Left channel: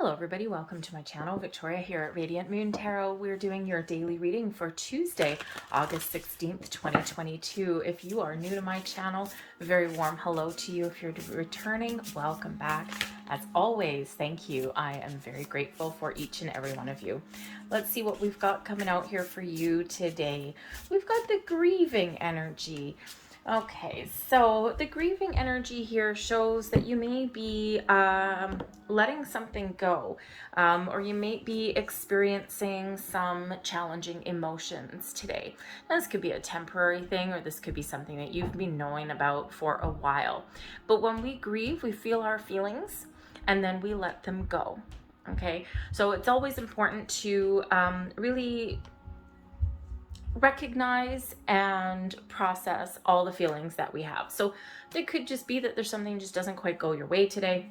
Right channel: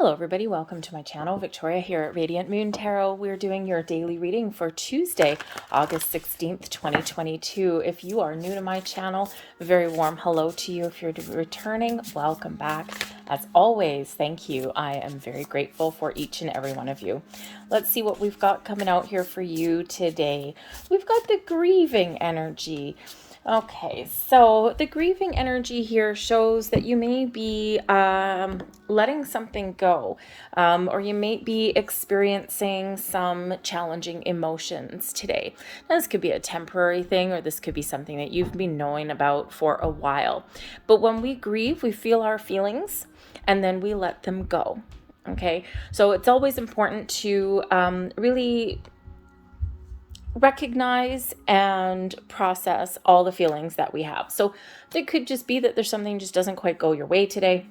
Hello everybody, welcome to my channel. Victoria here at Radiant Moon Tarot. We're doing your daily reading for Tuesday, August 16th, 2022. If you are new to my channel, a very warm hello to you. If you're returning, welcome back. As always, thank you. I am very grateful for each and every one of you. Let's see what we've got coming out here for you today. We've got the grieving energy. Okay, so the grieving energy here shows that you may be letting something go, or you may be experiencing some challenging emotions today. Now, this could be a temporary thing, or this could be something that you've been knowing about for a while. But when we grieve, we feel our feelings and then we let them go. Okay, so it's always important to really recognize and process all the feelings that we have. So it could just be that there's something just doesn't quite go your way today,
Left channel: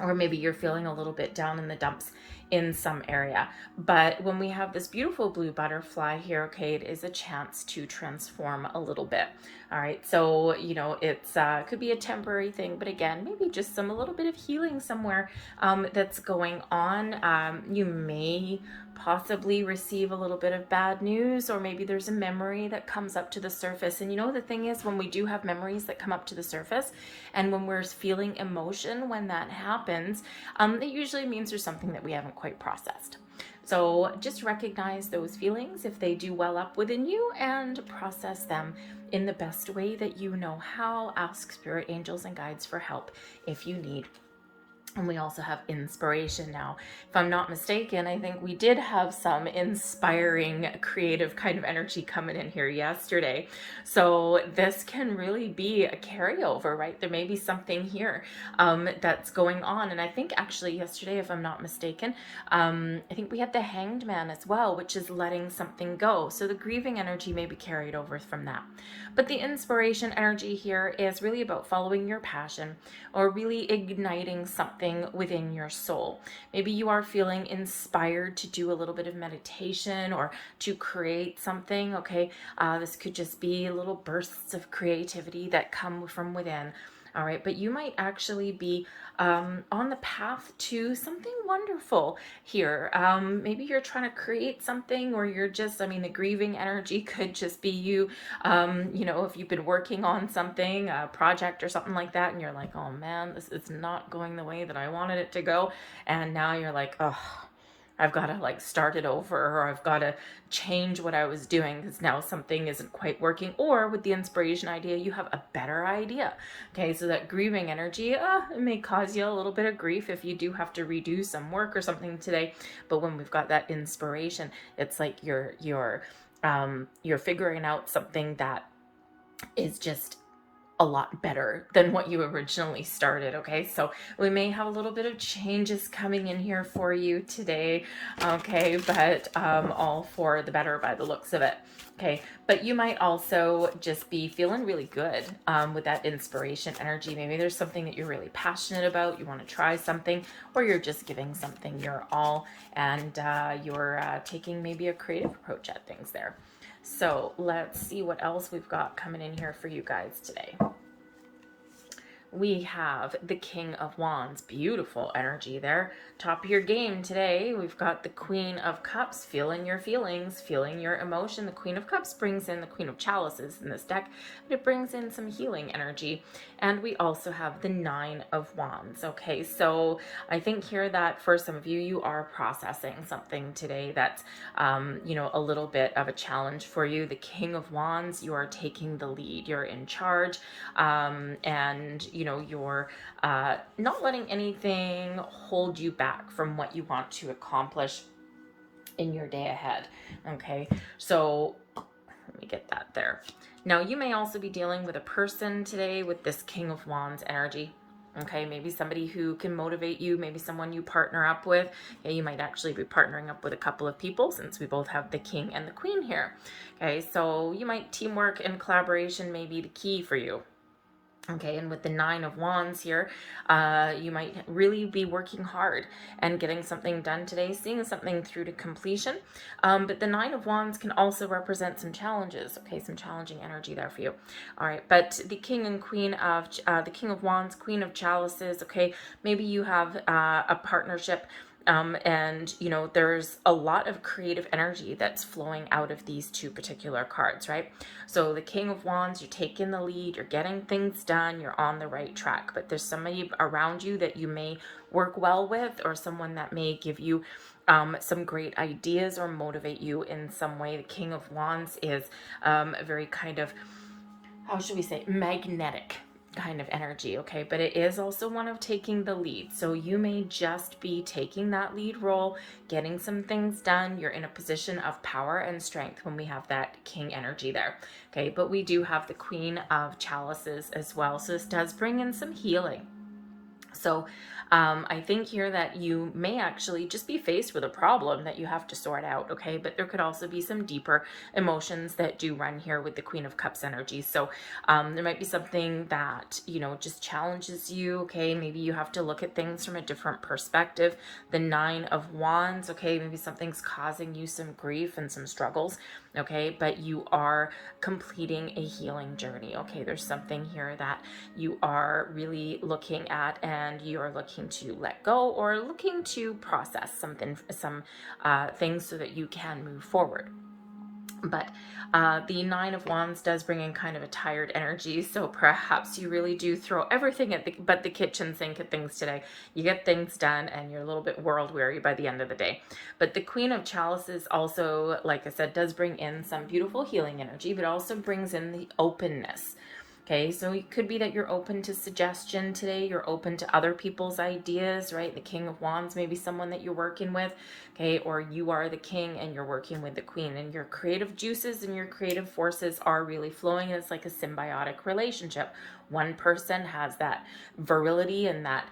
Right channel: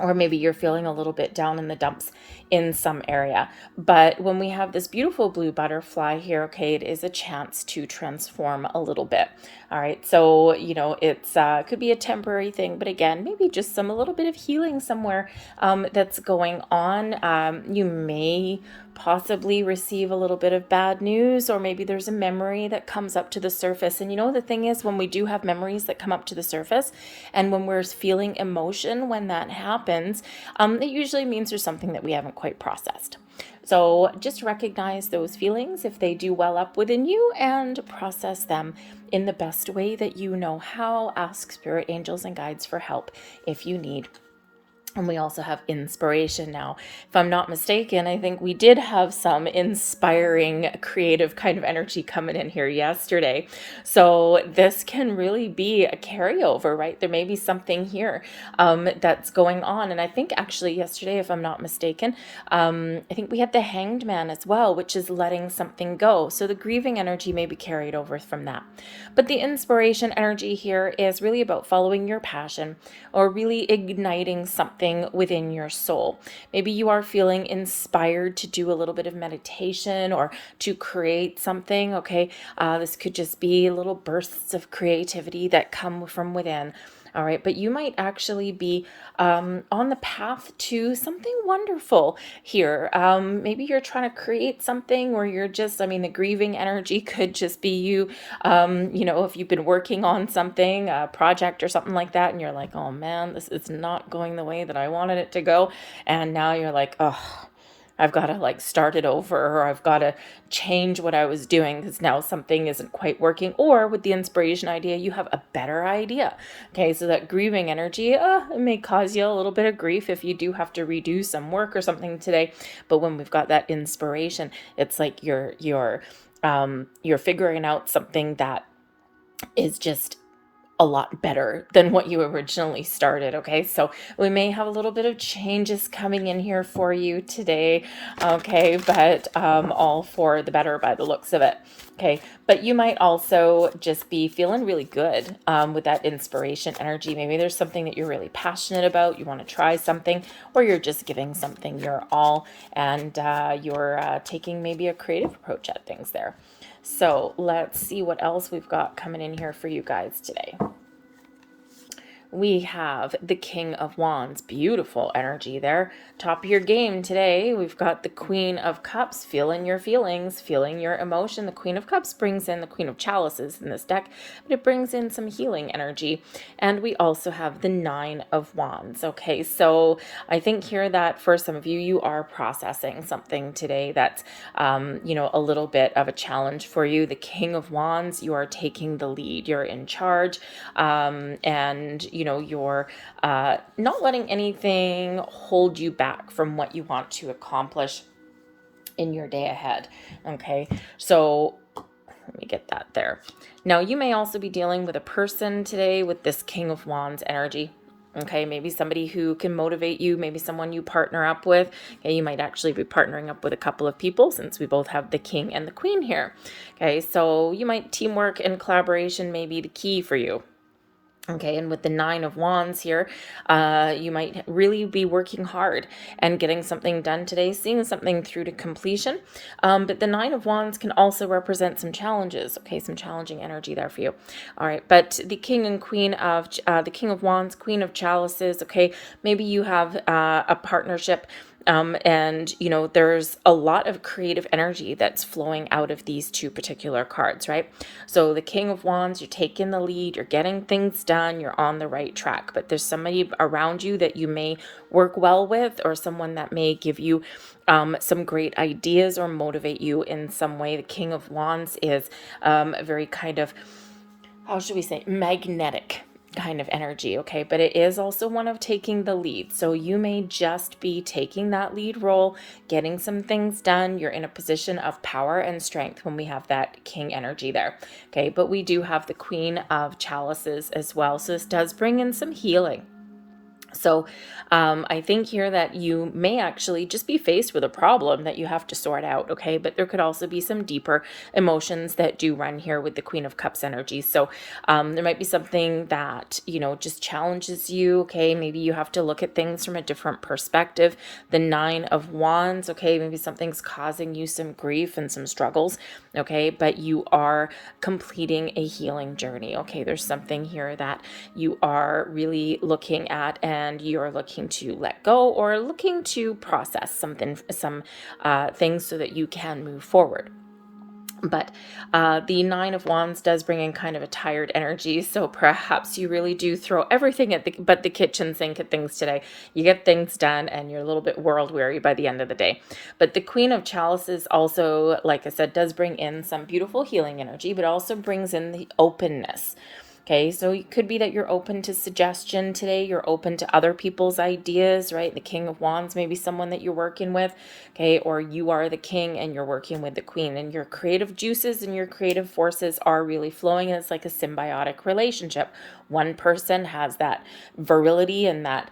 or maybe you're feeling a little bit down in the dumps in some area. But when we have this beautiful blue butterfly here, okay, it is a chance to transform a little bit. All right, so it's could be a temporary thing, but again, maybe just a little bit of healing somewhere that's going on. You may possibly receive a little bit of bad news, or maybe there's a memory that comes up to the surface. And the thing is, when we do have memories that come up to the surface, and when we're feeling emotion when that happens, it usually means there's something that we haven't quite processed. So just recognize those feelings if they do well up within you, and process them in the best way that you know how. Ask spirit, angels, and guides for help if you need. And we also have inspiration now. If I'm not mistaken, I think we did have some inspiring, creative kind of energy coming in here yesterday. So this can really be a carryover, right? There may be something here that's going on. And I think actually yesterday, if I'm not mistaken, I think we had the Hanged Man as well, which is letting something go. So the grieving energy may be carried over from that. But the inspiration energy here is really about following your passion, or really igniting something within your soul. Maybe you are feeling inspired to do a little bit of meditation or to create something. Okay, this could just be little bursts of creativity that come from within. All right, but you might actually be on the path to something wonderful here. Maybe you're trying to create something, or you're just, the grieving energy could just be you, if you've been working on something, a project or something like that, and you're like, oh man, this is not going the way that I wanted it to go. And now you're like, oh, I've got to start it over, or I've got to change what I was doing because now something isn't quite working. Or with the inspiration idea, you have a better idea. Okay, so that grieving energy, it may cause you a little bit of grief if you do have to redo some work or something today. But when we've got that inspiration, it's like you're figuring out something that is just a lot better than what you originally started. Okay, so we may have a little bit of changes coming in here for you today. Okay, but all for the better by the looks of it. Okay, but you might also just be feeling really good with that inspiration energy. Maybe there's something that you're really passionate about, you want to try something, or you're just giving something your all, and you're taking maybe a creative approach at things there. So let's see what else we've got coming in here for you guys today. We have the King of Wands. Beautiful energy there. Top of your game today. We've got the Queen of Cups. Feeling your feelings, feeling your emotion. The Queen of Cups brings in the Queen of Chalices in this deck, but it brings in some healing energy. And we also have the Nine of Wands. Okay, so I think here that for some of you, you are processing something today that's, a little bit of a challenge for you. The King of Wands, you are taking the lead. You're in charge, and you're not letting anything hold you back from what you want to accomplish in your day ahead. Okay, so let me get that there. Now, you may also be dealing with a person today with this King of Wands energy. Okay, maybe somebody who can motivate you, maybe someone you partner up with. Okay, you might actually be partnering up with a couple of people, since we both have the King and the Queen here. Okay, so you might teamwork and collaboration may be the key for you. Okay, and with the Nine of Wands here, you might really be working hard and getting something done today, seeing something through to completion. But the Nine of Wands can also represent some challenges. Okay, some challenging energy there for you. All right, but the King and Queen of the King of Wands, Queen of Chalices. Okay, maybe you have a partnership. And there's a lot of creative energy that's flowing out of these two particular cards, right? So the King of Wands, you're taking the lead, you're getting things done, you're on the right track, but there's somebody around you that you may work well with, or someone that may give you some great ideas or motivate you in some way. The King of Wands is a very kind of, how should we say, magnetic kind of energy, okay? But it is also one of taking the lead. So you may just be taking that lead role, getting some things done. You're in a position of power and strength when we have that king energy there, okay? But we do have the Queen of Chalices as well. So this does bring in some healing. So I think here that you may actually just be faced with a problem that you have to sort out, okay? But there could also be some deeper emotions that do run here with the Queen of Cups energy. So there might be something that, just challenges you, okay? Maybe you have to look at things from a different perspective. The Nine of Wands, okay? Maybe something's causing you some grief and some struggles, okay? But you are completing a healing journey, okay? There's something here that you are really looking at, and you're looking to let go or looking to process some things so that you can move forward. But the Nine of Wands does bring in kind of a tired energy, so perhaps you really do throw everything at the kitchen sink at things today. You get things done, and you're a little bit world weary by the end of the day. But the Queen of Chalices also, like I said, does bring in some beautiful healing energy, but also brings in the openness. Okay, so it could be that you're open to suggestion today. You're open to other people's ideas, right? The King of Wands may be someone that you're working with, okay? Or you are the king and you're working with the queen, and your creative juices and your creative forces are really flowing, and it's like a symbiotic relationship. One person has that virility and that,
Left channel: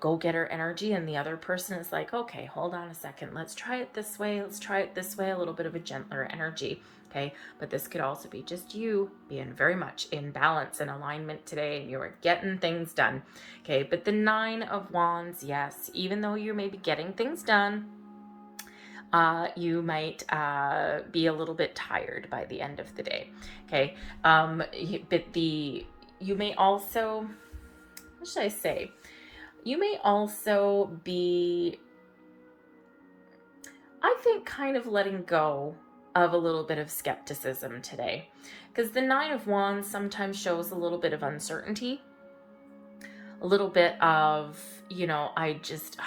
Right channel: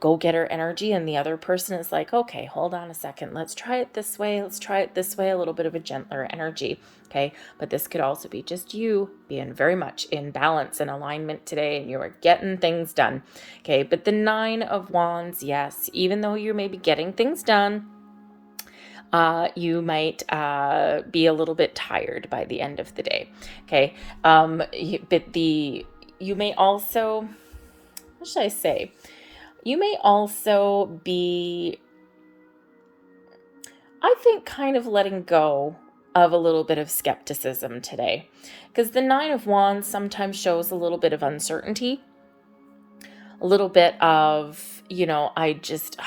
go-getter energy, and the other person is like, okay, hold on a second. Let's try it this way. Let's try it this way. A little bit of a gentler energy. Okay, but this could also be just you being very much in balance and alignment today, and you are getting things done. Okay, but the Nine of Wands, yes, even though you may be getting things done, you might be a little bit tired by the end of the day. Okay, but you may also, what should I say? You may also be, I think, kind of letting go of a little bit of skepticism today, because the Nine of Wands sometimes shows a little bit of uncertainty, a little bit of, I just,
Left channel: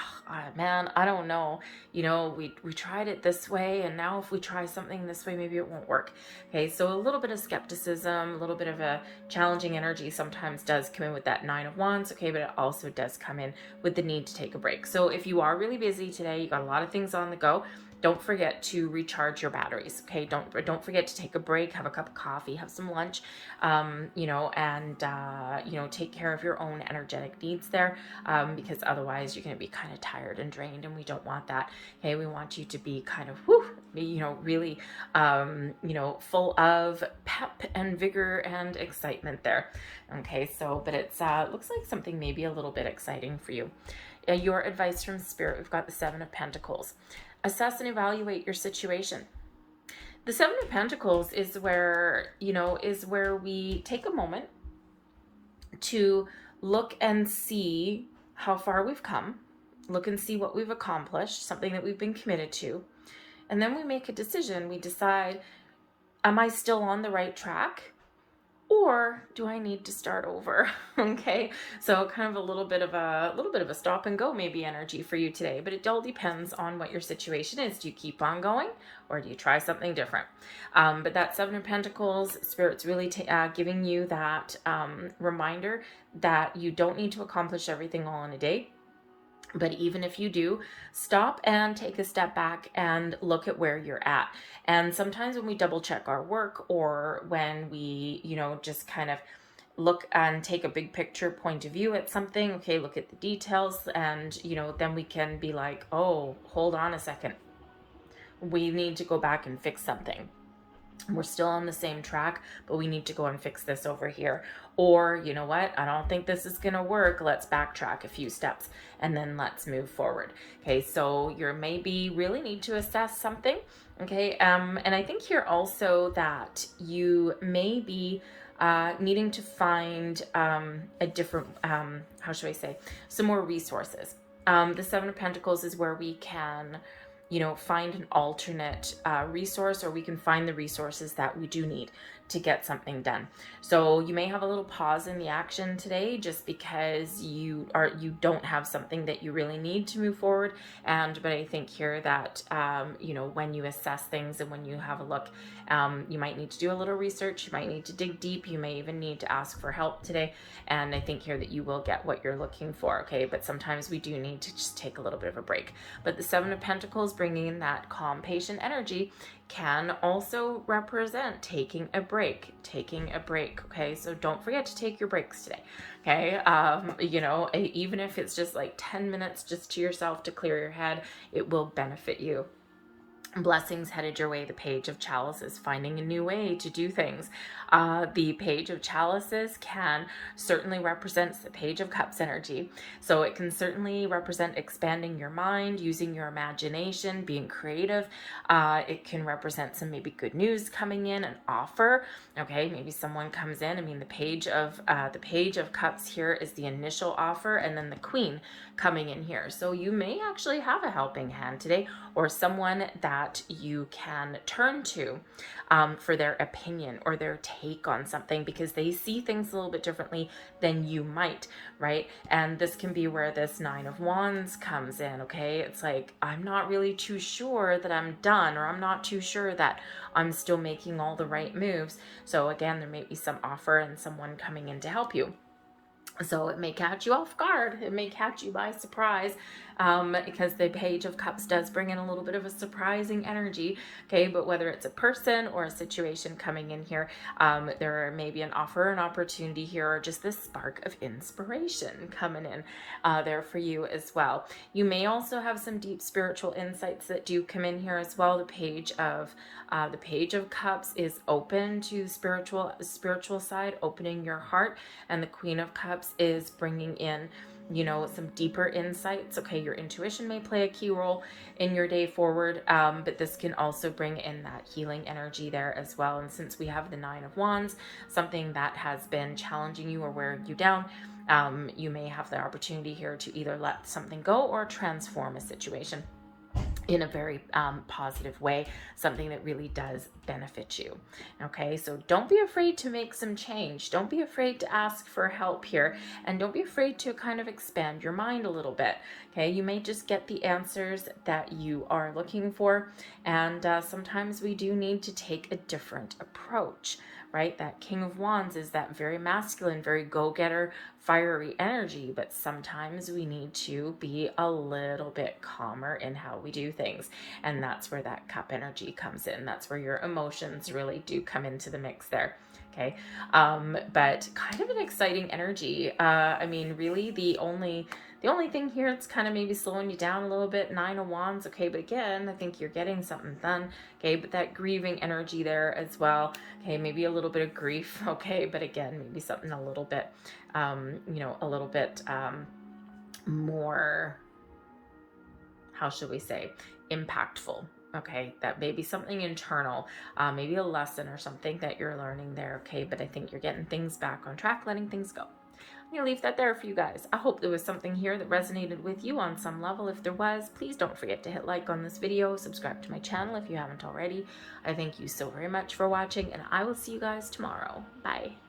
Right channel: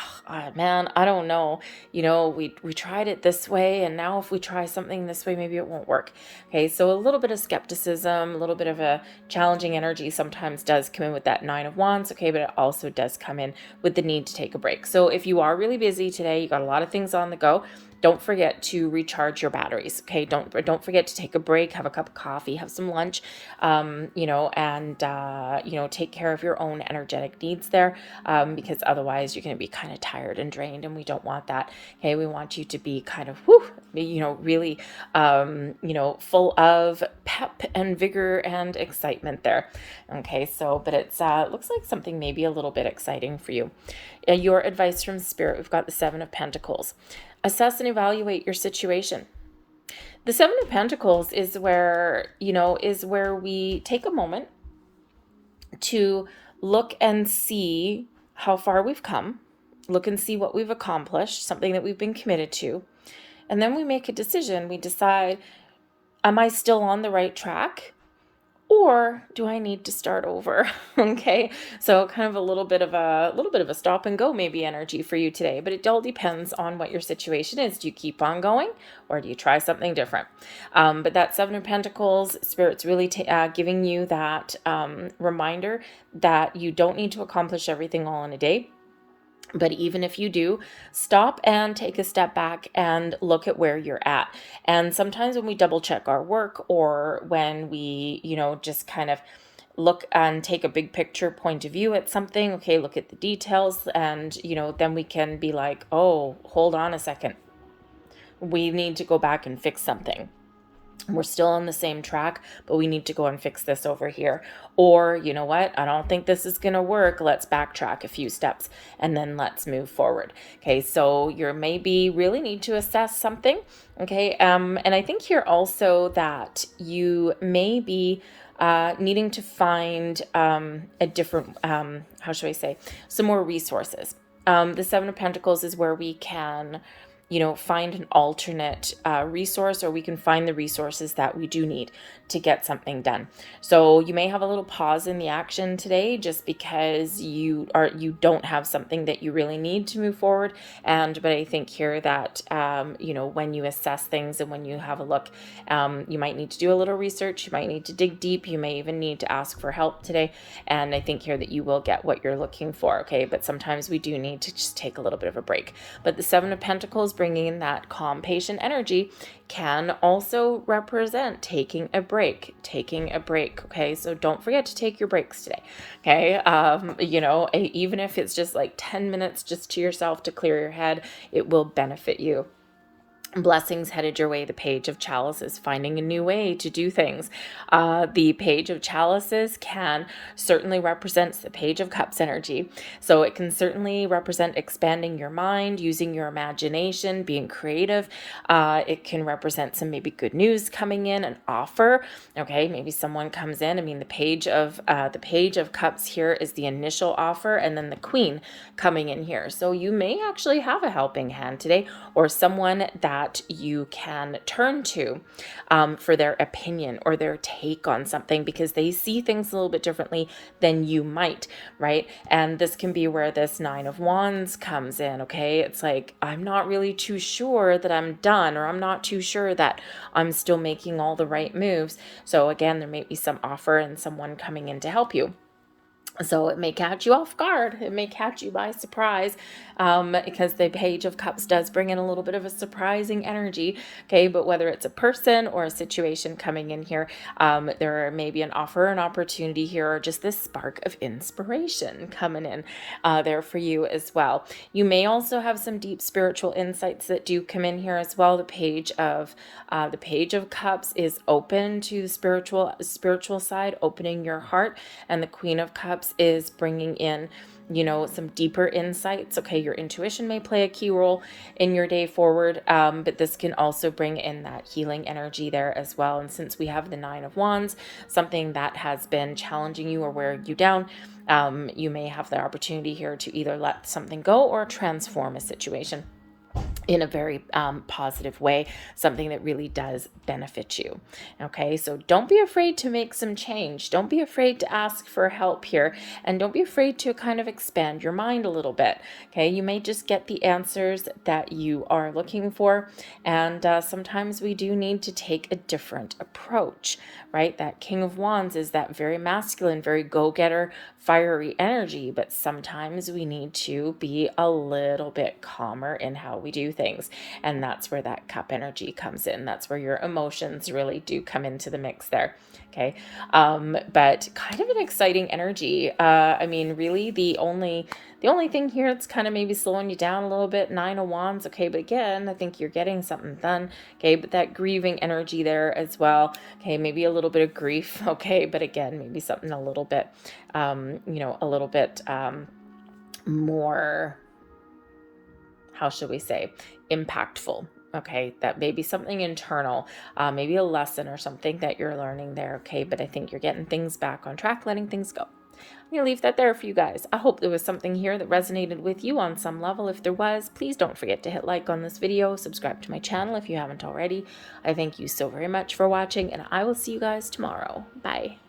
man, I don't know, we tried it this way, and now if we try something this way, maybe it won't work. Okay, so a little bit of skepticism, a little bit of a challenging energy sometimes does come in with that Nine of Wands, okay, but it also does come in with the need to take a break. So if you are really busy today, you got a lot of things on the go, don't forget to recharge your batteries. Okay, don't forget to take a break, have a cup of coffee, have some lunch, and take care of your own energetic needs there, because otherwise you're going to be kind of tired and drained, and we don't want that. Okay, we want you to be kind of really full of pep and vigor and excitement there. Okay, so but it's looks like something maybe a little bit exciting for you. Your advice from Spirit, we've got the Seven of Pentacles. Assess and evaluate your situation. The Seven of Pentacles is where we take a moment to look and see how far we've come, look and see what we've accomplished, something that we've been committed to, and then we make a decision. We decide, am I still on the right track? Or do I need to start over? Okay, so kind of a little bit of a stop and go maybe energy for you today, but it all depends on what your situation is. Do you keep on going, or do you try something different? But that Seven of Pentacles, Spirit's really giving you that reminder that you don't need to accomplish everything all in a day. But even if you do, stop and take a step back and look at where you're at. And sometimes when we double check our work, or when we, just kind of look and take a big picture point of view at something, okay, look at the details, and, then we can be like, oh, hold on a second. We need to go back and fix something. We're still on the same track, but we need to go and fix this over here. Or, you know what? I don't think this is going to work. Let's backtrack a few steps and then let's move forward. Okay, so you maybe really need to assess something. Okay, and I think here also that you may be needing to find a different, how should I say, some more resources. The Seven of Pentacles is where we can, find an alternate resource, or we can find the resources that we do need to get something done. So you may have a little pause in the action today just because you don't have something that you really need to move forward. But I think here that when you assess things and when you have a look, you might need to do a little research, you might need to dig deep, you may even need to ask for help today. And I think here that you will get what you're looking for. Okay, but sometimes we do need to just take a little bit of a break. But the Seven of Pentacles, bringing in that calm, patient energy, can also represent taking a break. Okay, so don't forget to take your breaks today. Okay, even if it's just like 10 minutes just to yourself to clear your head, it will benefit you. Blessings headed your way. The Page of Chalices, finding a new way to do things. The Page of Chalices can certainly represent the Page of Cups energy. So it can certainly represent expanding your mind, using your imagination, being creative. It can represent some maybe good news coming in, an offer. Okay, maybe someone comes in. I mean, the Page of Cups here is the initial offer, and then the Queen coming in here. So you may actually have a helping hand today, or someone that you can turn to for their opinion or their take on something, because they see things a little bit differently than you might, right? And this can be where this Nine of Wands comes in. Okay, it's like, I'm not really too sure that I'm done, or I'm not too sure that I'm still making all the right moves. So again, there may be some offer and someone coming in to help you. So it may catch you off guard. It may catch you by surprise, because the Page of Cups does bring in a little bit of a surprising energy. Okay, but whether it's a person or a situation coming in here, there may be an offer, an opportunity here, or just this spark of inspiration coming in there for you as well. You may also have some deep spiritual insights that do come in here as well. The Page of Cups is open to the spiritual side, opening your heart, and the Queen of Cups is bringing in some deeper insights. Okay, your intuition may play a key role in your day forward, but this can also bring in that healing energy there as well. And since we have the Nine of Wands, something that has been challenging you or wearing you down, you may have the opportunity here to either let something go or transform a situation in a very positive way, something that really does benefit you. Okay, so don't be afraid to make some change. Don't be afraid to ask for help here, and don't be afraid to kind of expand your mind a little bit. Okay, you may just get the answers that you are looking for, and sometimes we do need to take a different approach, right? That King of Wands is that very masculine, very go-getter, fiery energy, but sometimes we need to be a little bit calmer in how we do things. And that's where that cup energy comes in. That's where your emotions really do come into the mix there. Okay. But kind of an exciting energy. I mean, really the only thing here that's kind of maybe slowing you down a little bit, Nine of Wands. Okay, but again, I think you're getting something done. Okay, but that grieving energy there as well. Okay, maybe a little bit of grief. Okay, but again, maybe something a little bit, a little bit more, how should we say, impactful. Okay, that may be something internal, maybe a lesson or something that you're learning there. Okay, but I think you're getting things back on track, letting things go. I'm going to leave that there for you guys. I hope there was something here that resonated with you on some level. If there was, please don't forget to hit like on this video, subscribe to my channel if you haven't already. I thank you so very much for watching, and I will see you guys tomorrow. Bye.